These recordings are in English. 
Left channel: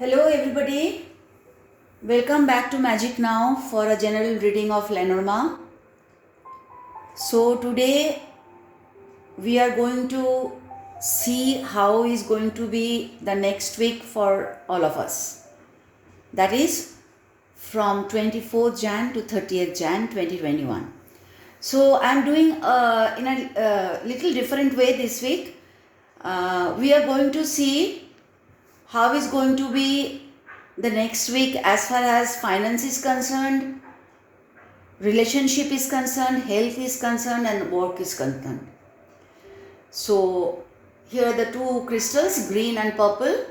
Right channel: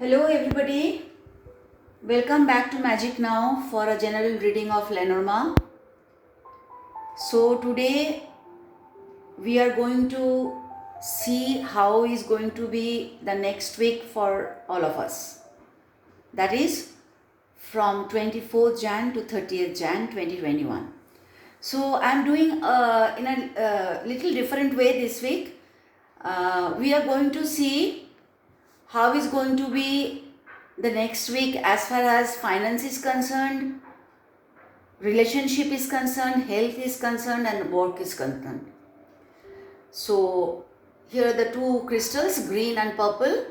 Hello everybody, welcome back to Magic Now for a general reading of Lenormand. So today we are going to see how is going to be the next week for all of us. That is from 24th Jan to 30th Jan 2021. So I am doing in a little different way this week. We are going to see how is going to be the next week as far as finance is concerned, relationship is concerned, health is concerned, and work is concerned. So here are the two crystals, green and purple.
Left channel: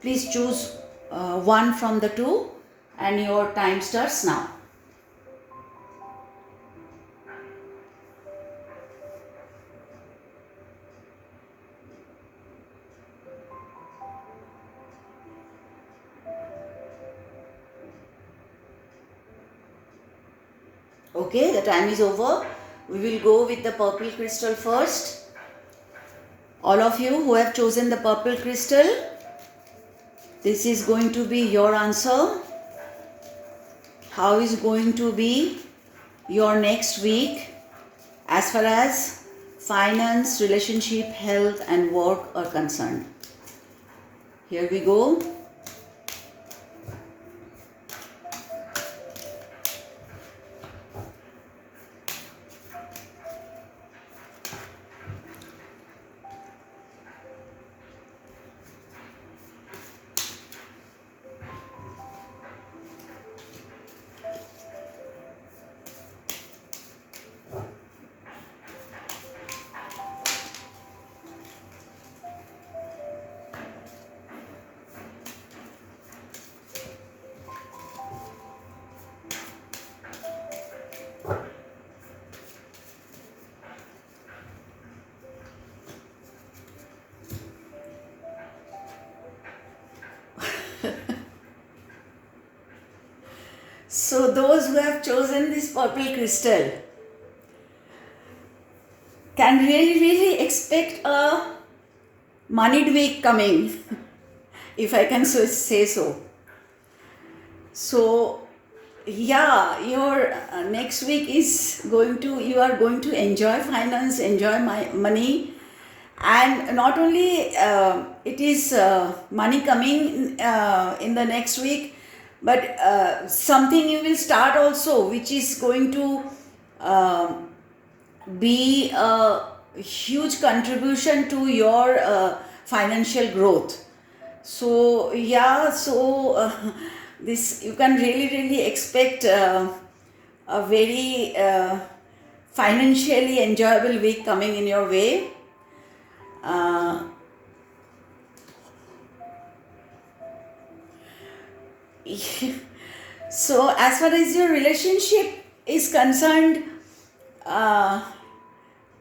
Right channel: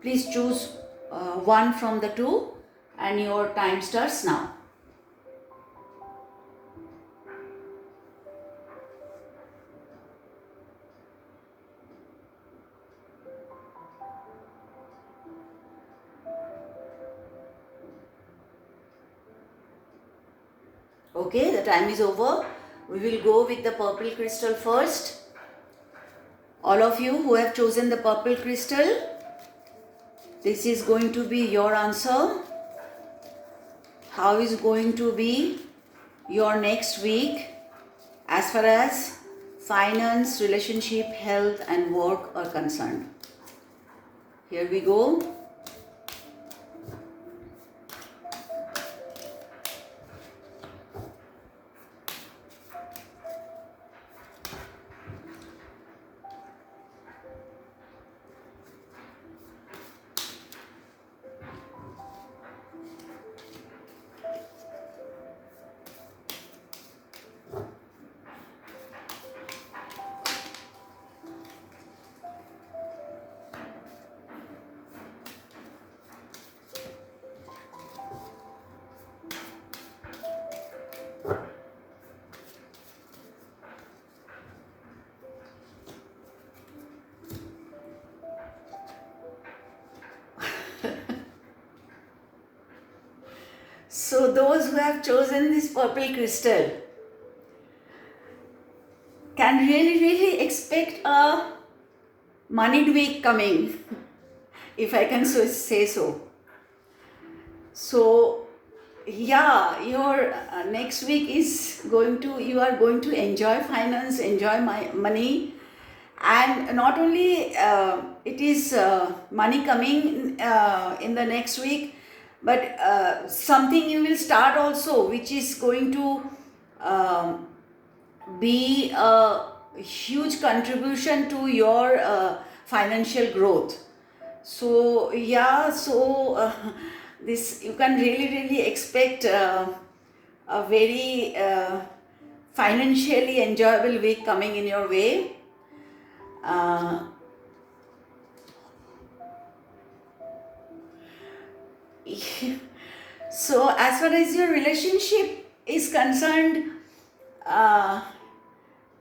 Please choose one from the two and your time starts now. Okay, the time is over. We will go with the purple crystal first. All of you who have chosen the purple crystal, this is going to be your answer. How is going to be your next week as far as finance, relationship, health, and work are concerned? Here we go. So those who have chosen this purple crystal can really expect a moneyed week coming, if I can say so. So yeah, your next week is you are going to enjoy finance, enjoy my money, and not only it is money coming in the next week, but something you will start also which is going to be a huge contribution to your financial growth. So yeah, this you can really expect a very financially enjoyable week coming in your way. So as far as your relationship is concerned,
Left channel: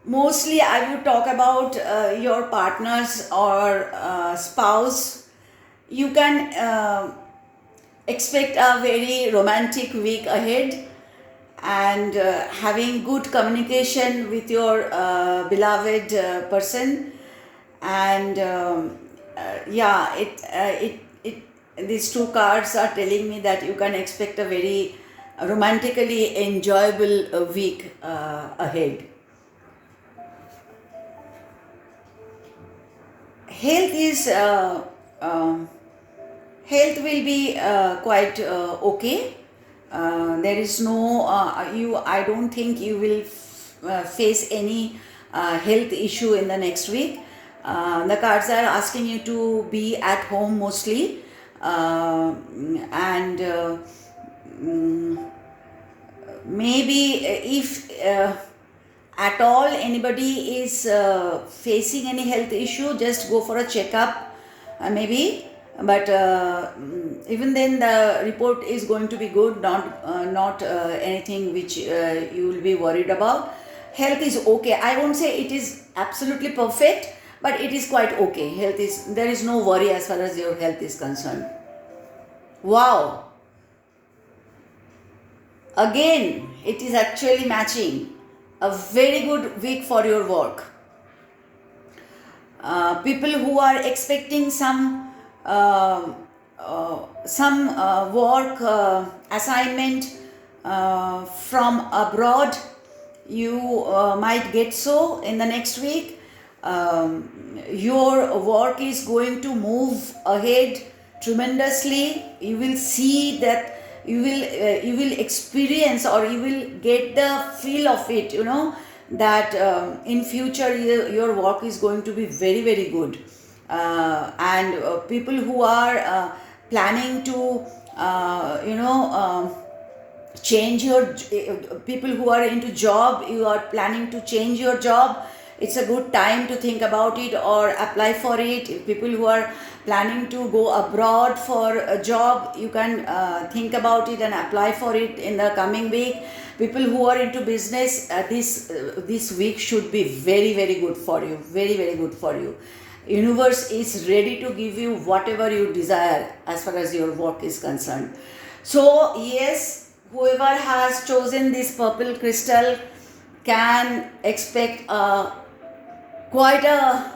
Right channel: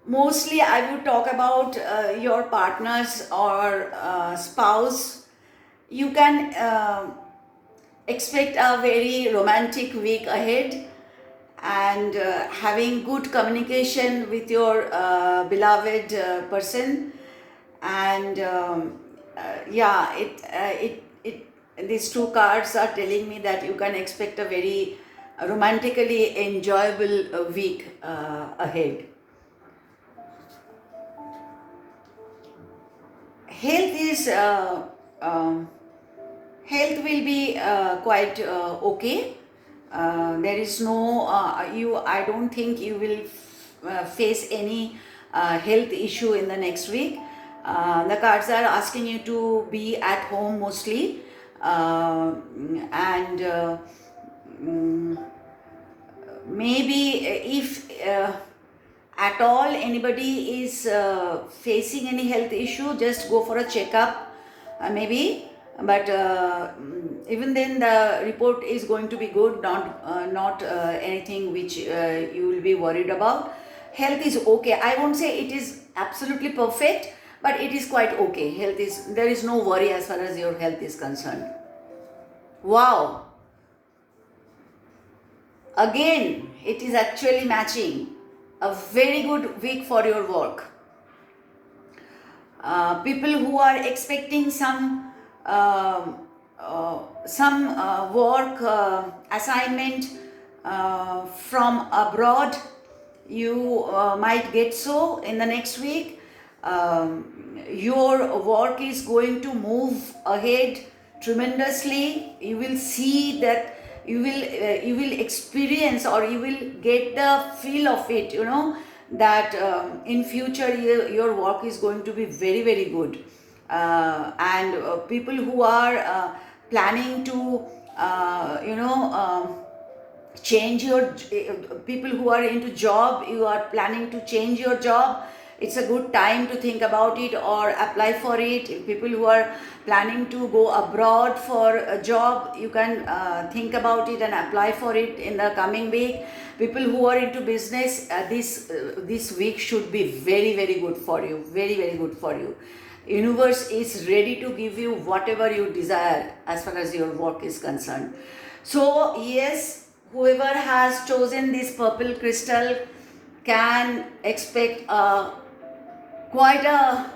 mostly I would talk about your partners or spouse. You can expect a very romantic week ahead, and having good communication with your beloved person, and yeah, these two cards are telling me that you can expect a very romantically enjoyable week ahead. Health is health will be quite okay. There is no I don't think you will face any health issue in the next week. The cards are asking you to be at home mostly, and maybe if at all anybody is facing any health issue, just go for a checkup, maybe. But even then the report is going to be good, not anything which you will be worried about. Health is okay. I won't say it is absolutely perfect, but it is quite okay. There is no worry as far as your health is concerned. Wow, again it is actually matching. A very good week for your work. People who are expecting some some work assignment from abroad. You might get so in the next week. Your work is going to move ahead tremendously. You will see that you will experience, or you will get the feel of it, that in future your work is going to be very very good. And people who are planning to change your people who are into job, you are planning to change your job, it's a good time to think about it or apply for it. If people who are planning to go abroad for a job, you can think about it and apply for it in the coming week. People who are into business, this week should be very very good for you, very very good for you. Universe is ready to give you whatever you desire as far as your work is concerned. So yes, whoever has chosen this purple crystal can expect quite a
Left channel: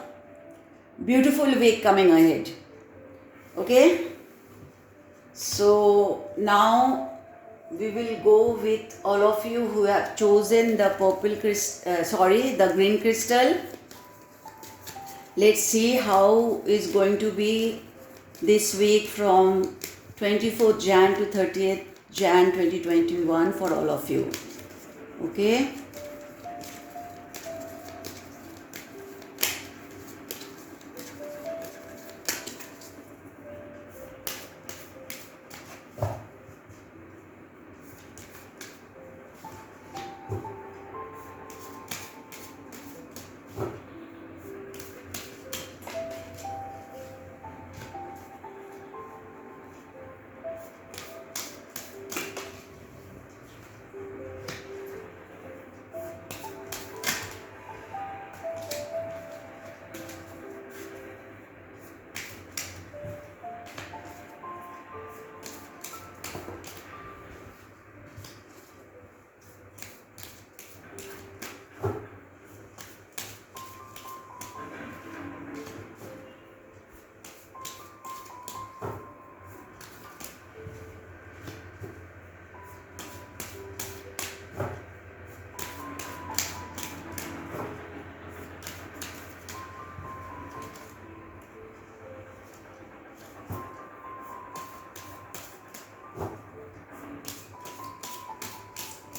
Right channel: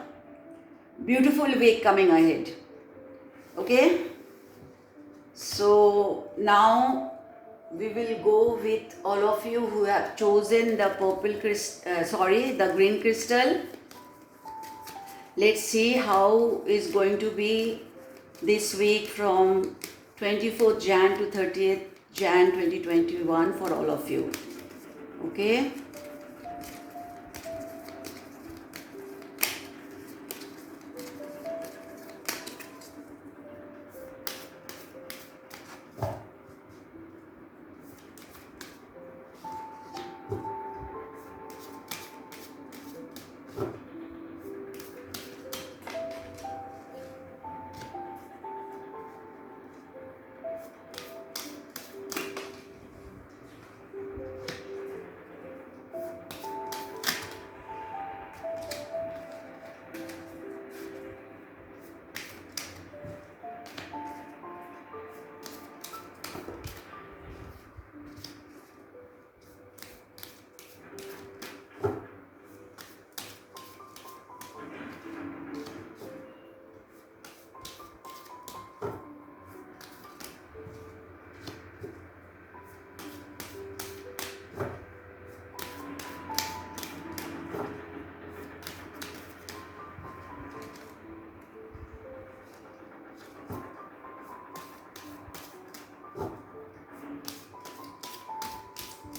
beautiful week coming ahead. Okay, so now we will go with all of you who have chosen the the green crystal. Let's see how is going to be this week from 24th Jan to 30th Jan 2021 for all of you. Okay.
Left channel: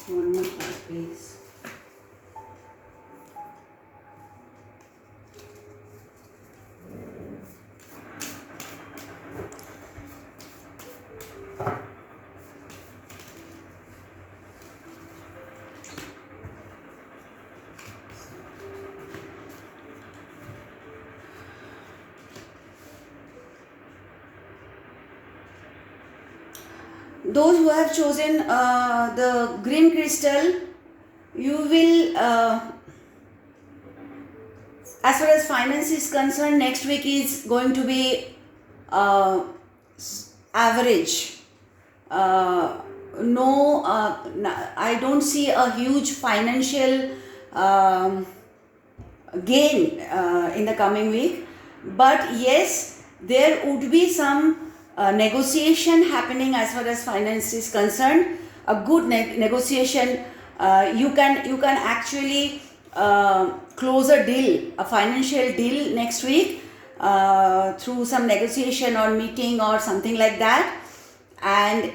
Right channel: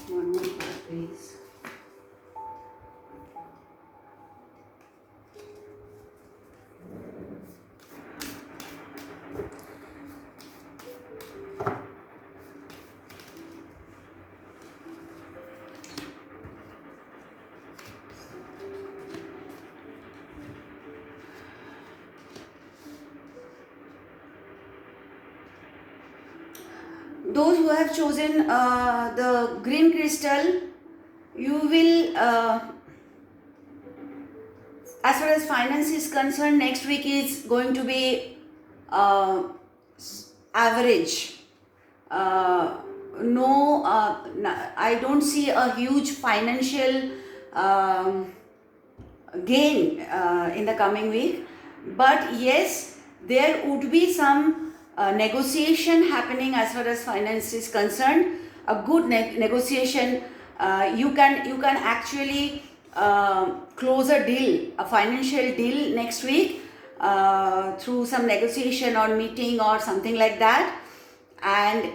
One more please. Those who have chosen the green crystal, you will, as far as finance is concerned, next week is going to be average. I don't see a huge financial gain in the coming week, but yes, there would be some negotiation happening as far as finance is concerned. A good negotiation. You can actually close a deal, a financial deal next week through some negotiation or meeting or something like that, and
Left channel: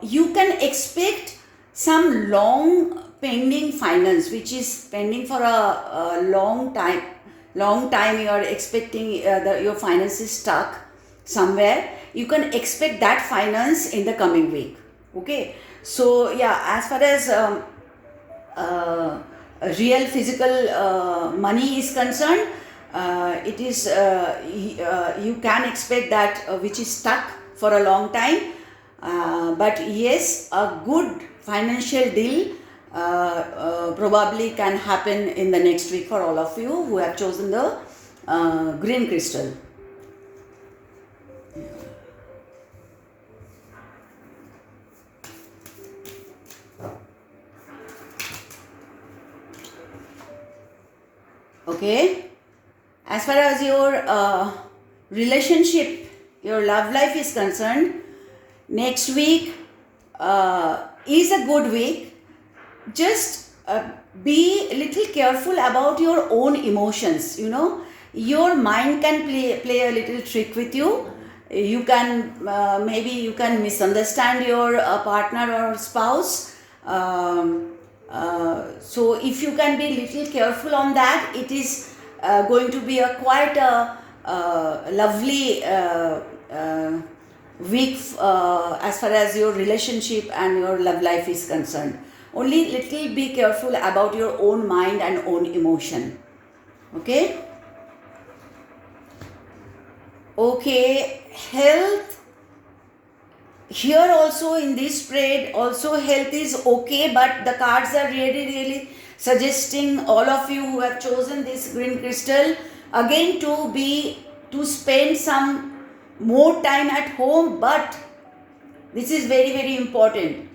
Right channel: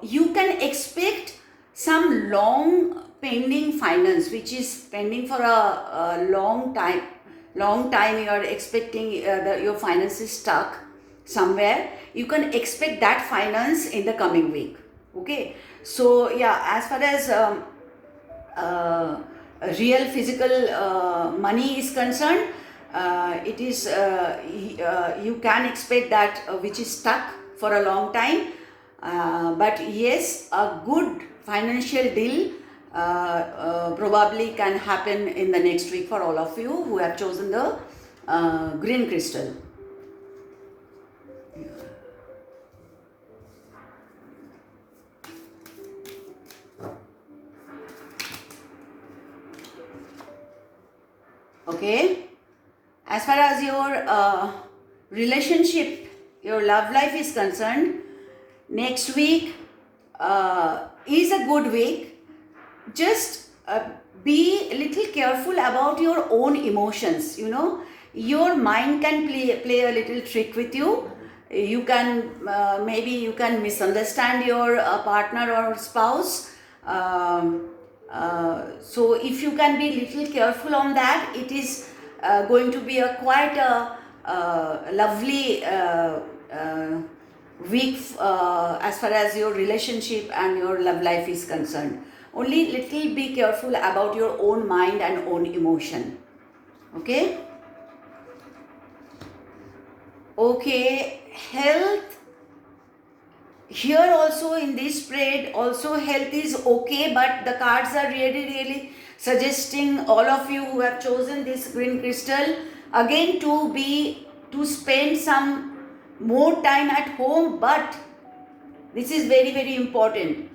you can expect some long pending finance which is pending for a long time. You are expecting your finance is stuck somewhere. You can expect that finance in the coming week. Okay, so yeah, as far as real physical money is concerned, it is you can expect that which is stuck for a long time, but yes, a good financial deal probably can happen in the next week for all of you who have chosen the green crystal. Okay, as far as your relationship your love life is concerned, next week is a good week. Just be a little careful about your own emotions. Your mind can play a little trick with you. You can maybe you can misunderstand your partner or spouse. So if you can be a little careful on that, it is going to be a quite a lovely weak as far as your relationship and your love life is concerned. Only little be careful about your own mind and own emotion. Okay, health. Here also in this spread also health is okay, but the cards are really suggesting all of you who have chosen this green crystal again to spend some more time at home. But this is very important.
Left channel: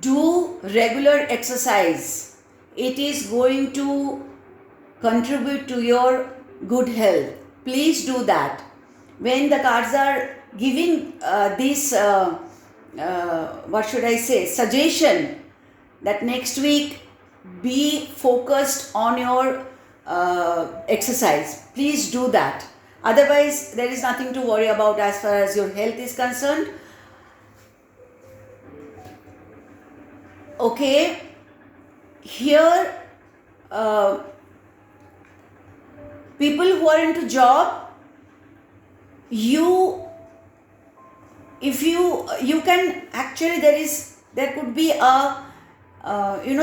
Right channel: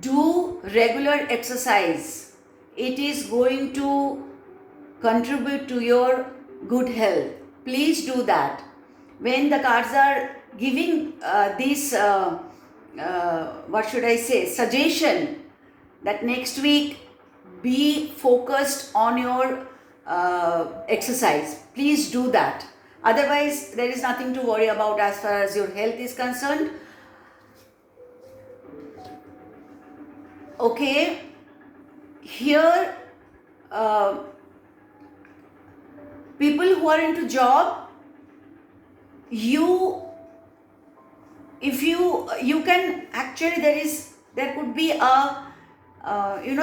Do regular exercise. It is going to contribute to your good health. Please do that. When the cards are giving this suggestion that next week be focused on your exercise, please do that. Otherwise there is nothing to worry about as far as your health is concerned. Okay, here people who are into job, if you can actually, there could be a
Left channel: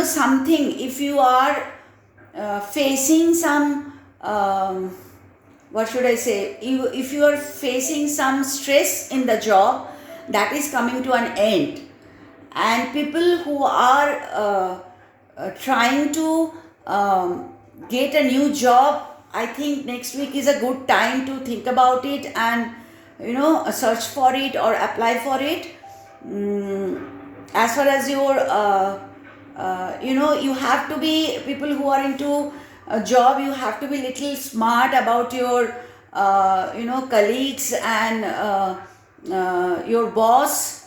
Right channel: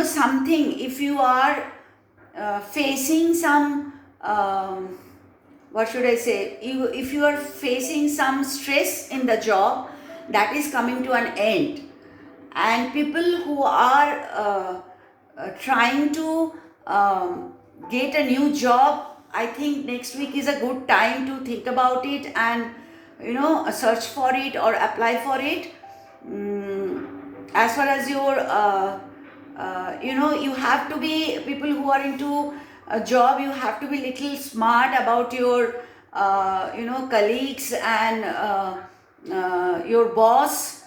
something. If you are facing some if you are facing some stress in the job, that is coming to an end. And people who are trying to get a new job, I think next week is a good time to think about it and search for it or apply for it. As far as your you have to be, people who are into a job, you have to be little smart about your colleagues and your boss.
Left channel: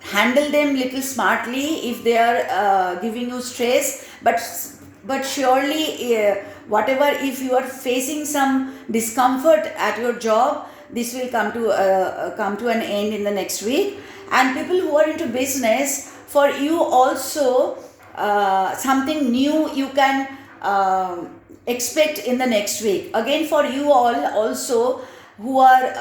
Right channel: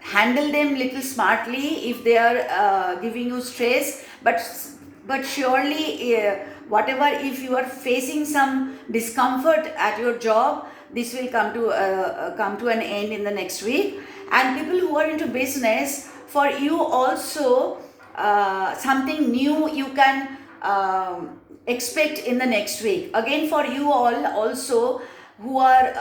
Handle them little smartly if they are giving you stress, but surely whatever, if you are facing some discomfort at your job, this will come to an end in the next week. And people who are into business, for you also something new you can expect in the next week. Again, for you all also who are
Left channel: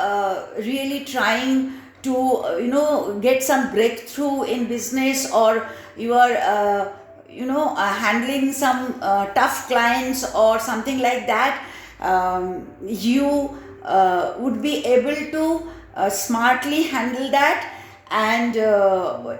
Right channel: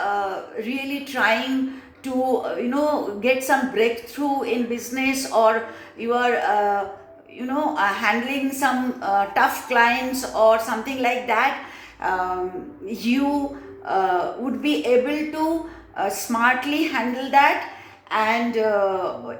really trying to get some breakthrough in business, or you are handling some tough clients or something like that, you would be able to smartly handle that. And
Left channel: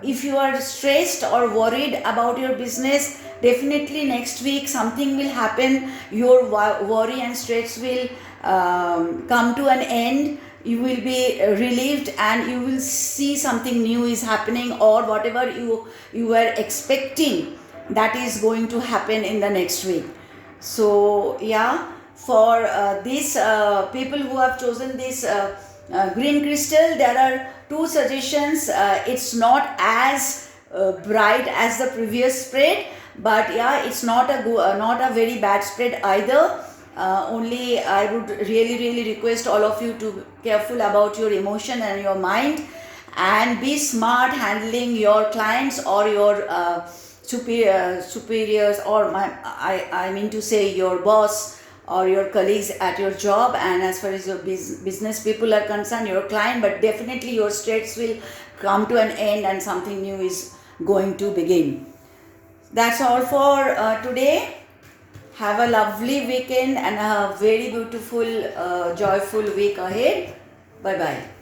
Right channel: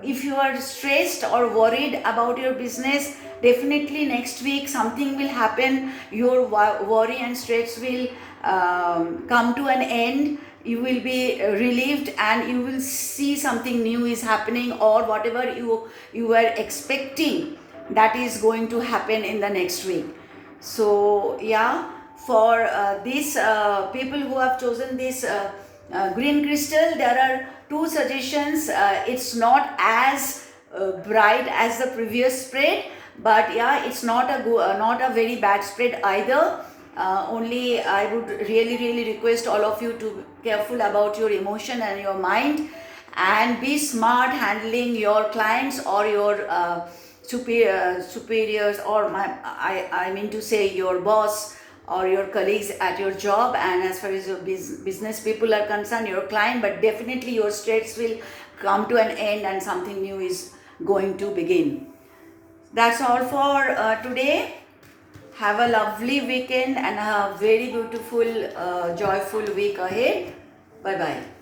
if you are stressed or worried about your business, definitely next week something will happen. Your worry and stress will come to an end. You will be relieved and you will see something new is happening, or whatever you were expecting, that is going to happen in the next week. So yeah, for these people who have chosen this green crystal, there are two suggestions. It's not as bright as the previous spread, but yeah, it's not a very bad spread either. Only I would really request all of you to be careful about your emotion and your mind, and be smart handling your clients or your superiors, or I mean to say your boss or your colleagues at your job. And as far as your business people are concerned, your client, but definitely your stress will come to an end and something new is going to begin. That's all for today. Have a lovely weekend and a very beautiful, joyful week ahead. Bye-bye.